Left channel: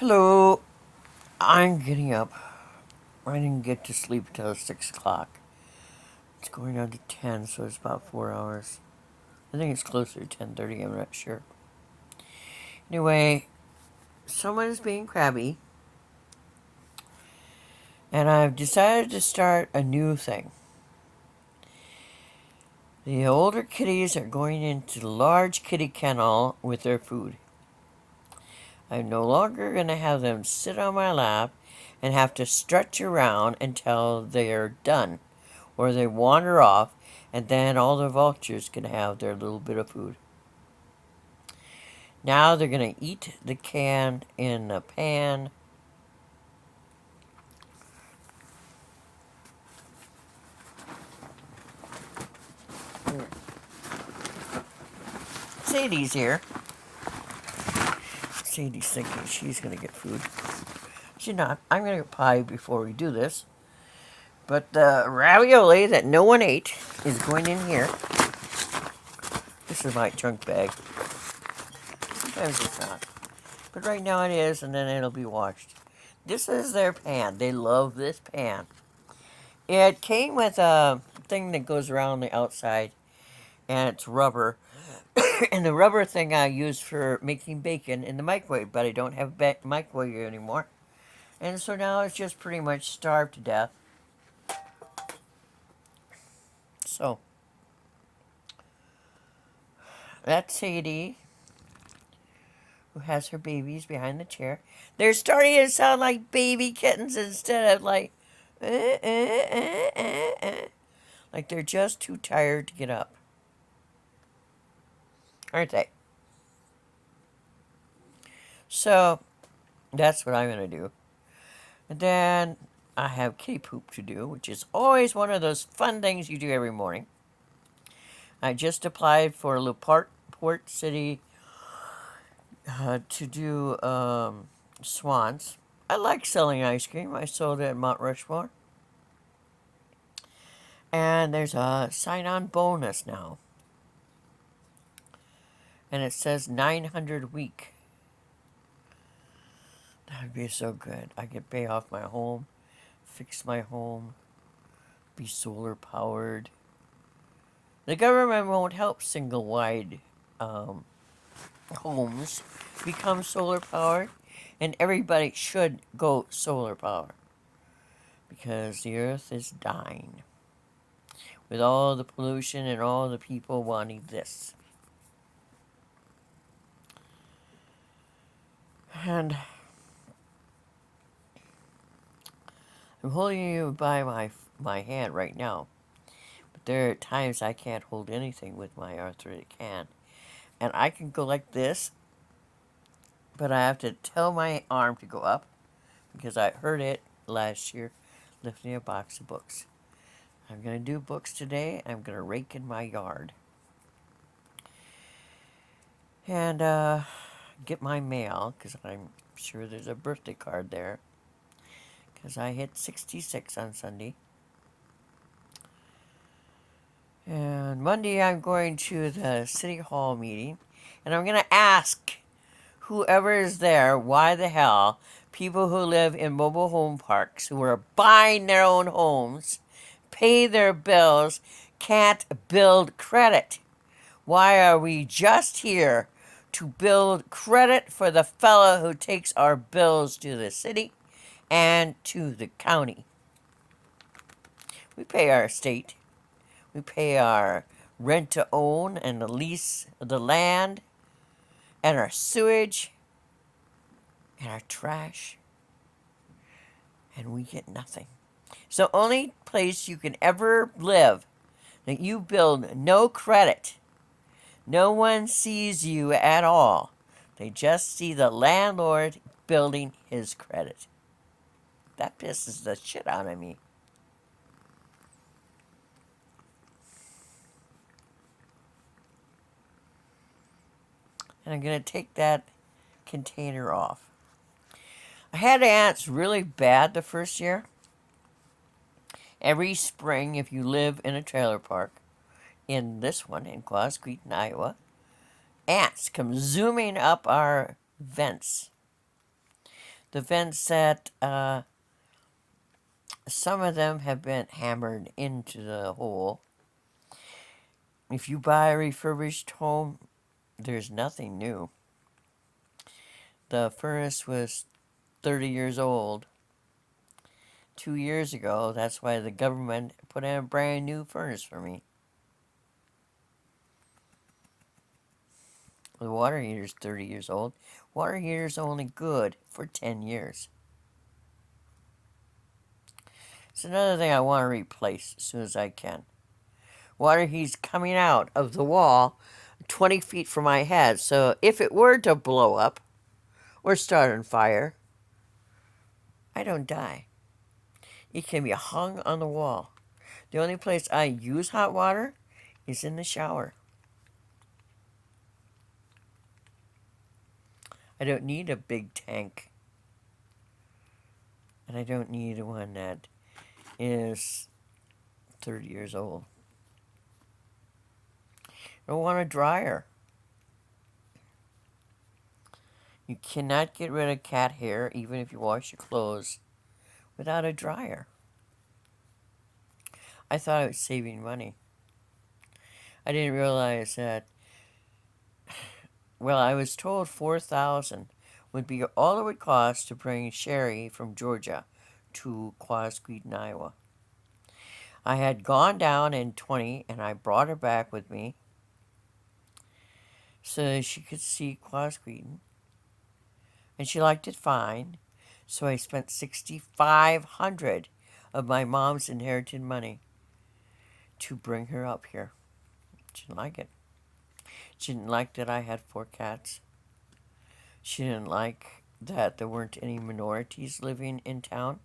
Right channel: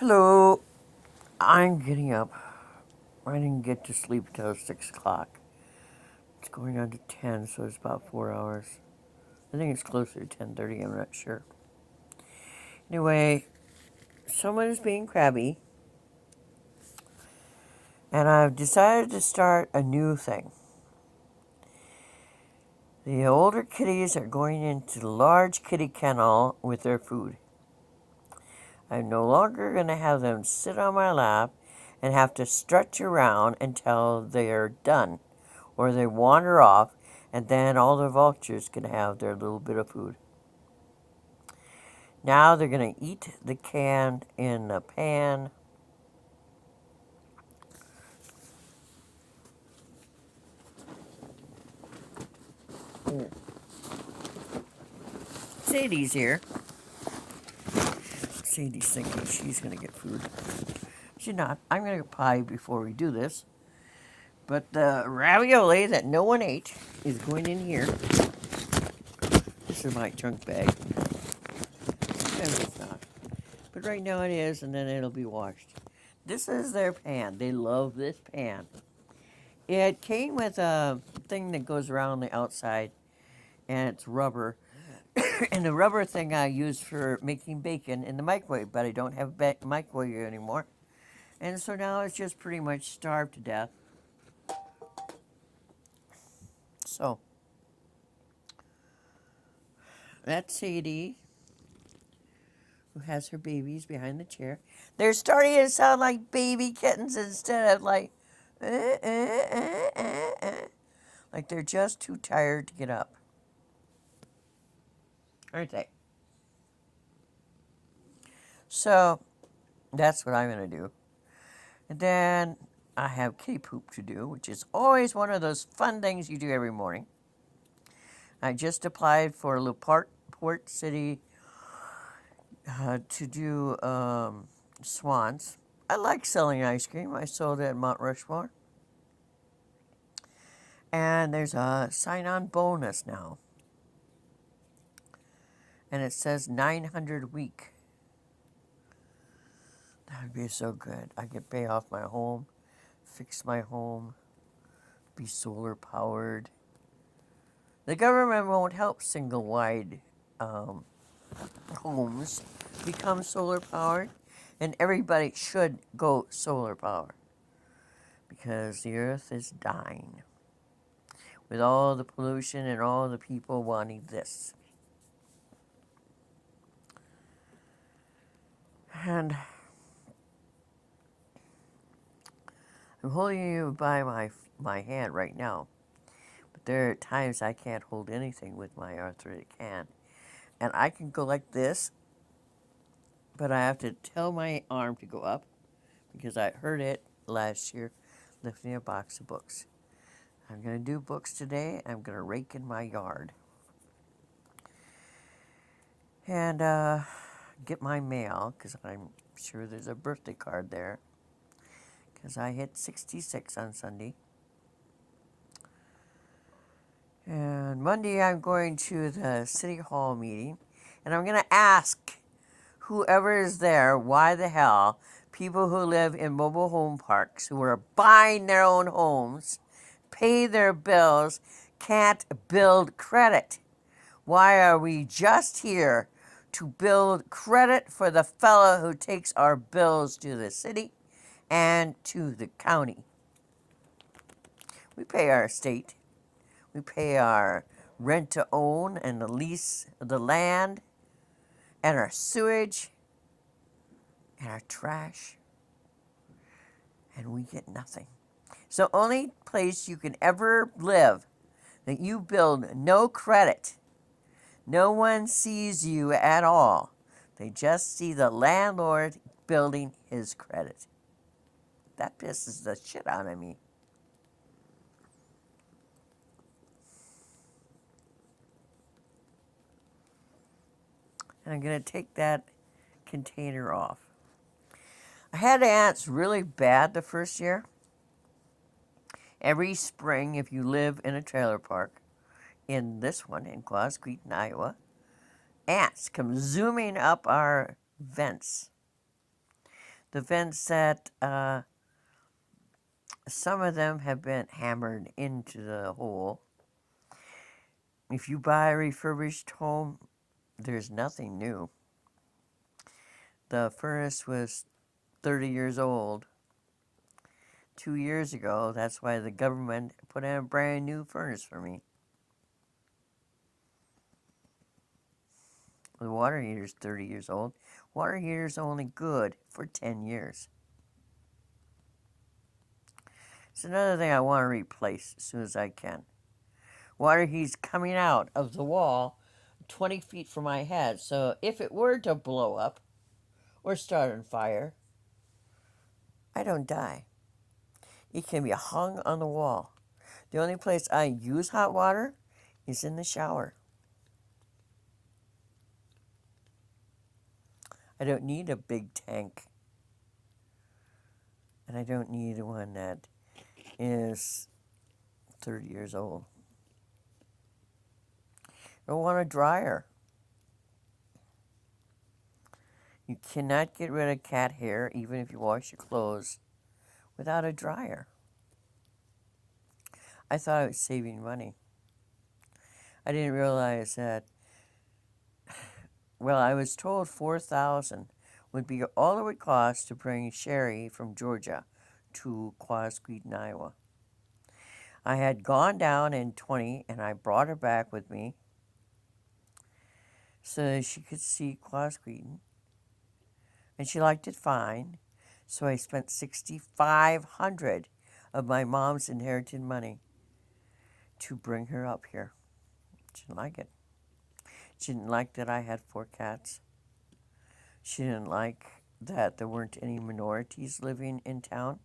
Hello, I'm getting up. I didn't get to sleep until 6 o'clock. It's going on to 10, so it's about 4 hours. I think it's closer to 10:30, I'm not sure. Anyway, someone is being crabby, and I've decided to start a new thing. The older kitties are going into the large kitty kennel with their food. I'm no longer going to have them sit on my lap and have to stretch around until they're done, or they wander off, and then all the vultures can have their little bit of food. Now they're going to eat the can in the pan. Sadie's here. Sadie's thinking she's going to get food. She's not. I'm going to get pie before we do this. But the ravioli that no one ate is going in here. This is my junk bag. Sometimes it's not. But right now it is, and then it'll be washed. This is their pan. They love this pan. It came with a thing that goes around the outside, and it's rubber. And the rubber thing I use for making bacon in the microwave, but I don't have a microwave anymore. And so now it's just pretty much starved to death. So, that's Sadie, who has her babies behind the chair. They're starting to sound like baby kittens instead of like, like they're just too tired to get up. Aren't they? So, that's what I'm going to do. And then I have kitty poop to do, which is always one of those fun things you do every morning. I just applied for Port City to do swans. I like selling ice cream. I sold it at Mount Rushmore. And there's a sign-on bonus now. And it says 900 a week. That would be so good. I could pay off my home, fix my home, be solar powered. The government won't help single wide homes become solar powered, and everybody should go solar power because the earth is dying with all the pollution and all the people wanting this. And I'm holding you by my hand right now, but there are times I can't hold anything with my arthritic hand. And I can go like this, but I have to tell my arm to go up because I hurt it last year lifting a box of books. I'm going to do books today. I'm going to rake in my yard. And get my mail because I'm sure there's a birthday card there because I hit 66 on Sunday. And Monday I'm going to the City Hall meeting, and I'm going to ask whoever is there why the hell people who live in mobile home parks who are buying their own homes, pay their bills, can't build credit. Why are we just here to build credit for the fella who takes our bills to the city and to the county? We pay our state. We pay our rent to own and the lease of the land and our sewage and our trash. And we get nothing. So only place you can ever live that you build no credit. No one sees you at all. They just see the landlord building his credit. That pisses the shit out of me. And I'm going to take that container off. I had ants really bad the first year. Every spring, if you live in a trailer park, in this one, in Quasqueton, Iowa, ants come zooming up our vents. The vents that some of them have been hammered into the hole. If you buy a refurbished home, there's nothing new. The furnace was 30 years old 2 years ago. That's why the government put in a brand new furnace for me. The water heater's 30 years old. Water heater's only good for 10 years. It's another thing I want to replace as soon as I can. Water heat's coming out of the wall 20 feet from my head, so if it were to blow up or start on fire, I don't die. It can be hung on the wall. The only place I use hot water is in the shower. I don't need a big tank. And I don't need one that is 30 years old. I don't want a dryer. You cannot get rid of cat hair, even if you wash your clothes, without a dryer. I thought I was saving money. I didn't realize that. Well, I was told $4,000 would be all it would cost to bring Sherry from Georgia to Quasqueton, Iowa. I had gone down in 20 and I brought her back with me so she could see Quasqueton. And she liked it fine, so I spent $6,500 of my mom's inherited money to bring her up here. She didn't like it. She didn't like that I had 4 cats. She didn't like that there weren't any minorities living in town.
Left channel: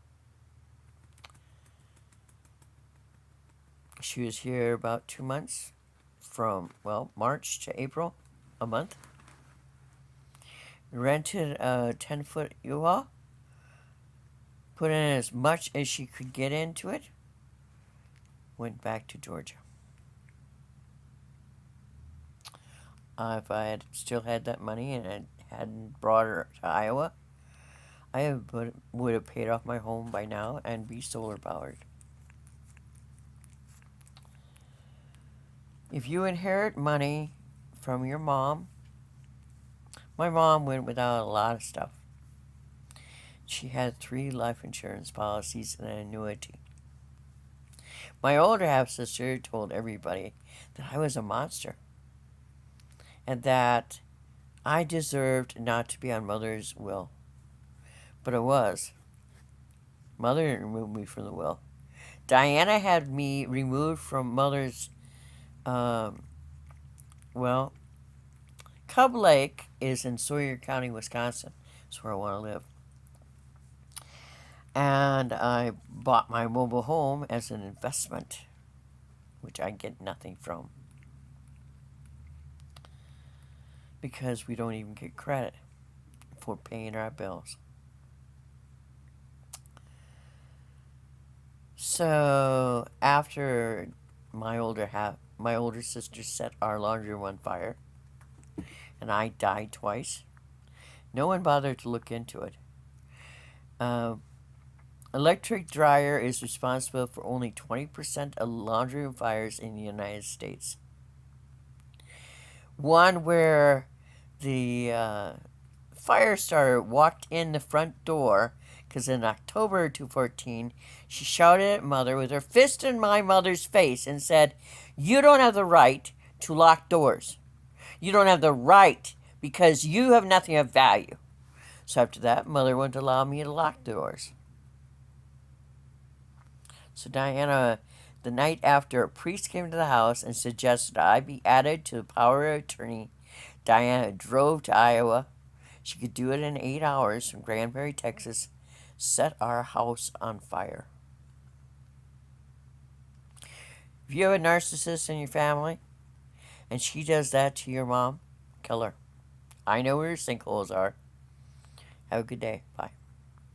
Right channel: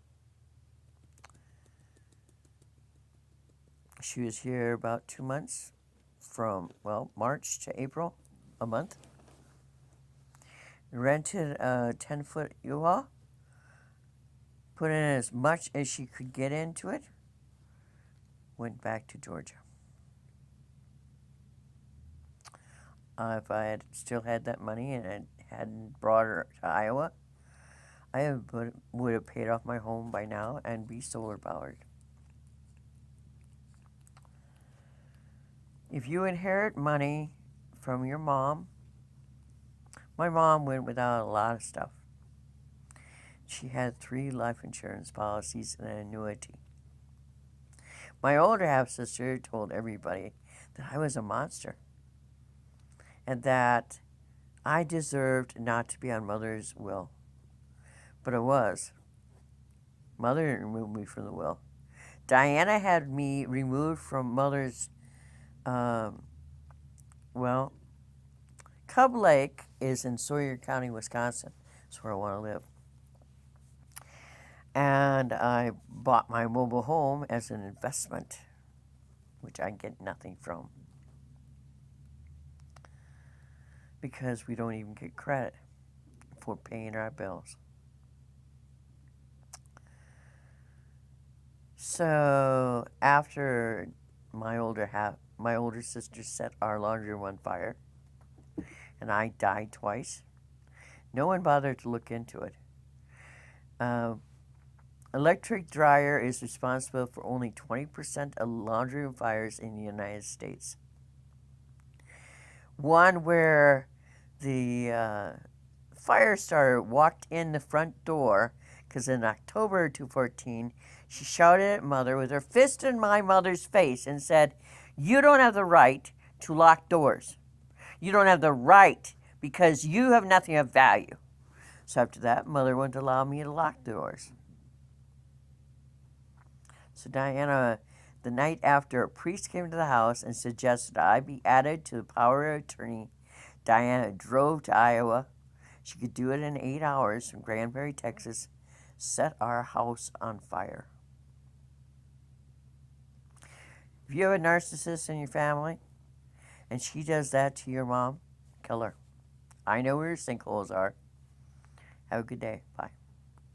She was here about 2 months, from, March to April, a month. Rented a 10-foot U-Haul, put in as much as she could get into it, went back to Georgia. If I had still had that money and I hadn't brought her to Iowa, I would have paid off my home by now and be solar powered. If you inherit money from your mom, my mom went without a lot of stuff. She had 3 life insurance policies and an annuity. My older half-sister told everybody that I was a monster and that I deserved not to be on Mother's will. But I was. Mother didn't remove me from the will. Diana had me removed from Mother's, Cub Lake is in Sawyer County, Wisconsin. That's where I want to live. And I bought my mobile home as an investment, which I get nothing from, because we don't even get credit for paying our bills. So after my older sister set our laundry room on fire, and I died twice, no one bothered to look into it. Electric dryer is responsible for only 20% of laundry room fires in the United States. One where the fire starter walked in the front door, because in October 2014, she shouted at Mother with her fist in my mother's face and said, "You don't have the right to lock doors. You don't have the right because you have nothing of value." So after that, Mother wouldn't allow me to lock doors. So Diana, the night after a priest came to the house and suggested I be added to the power of attorney, Diana drove to Iowa. She could do it in 8 hours from Granbury, Texas, set our house on fire. If you have a narcissist in your family and she does that to your mom, kill her. I know where your sinkholes are. Have a good day. Bye.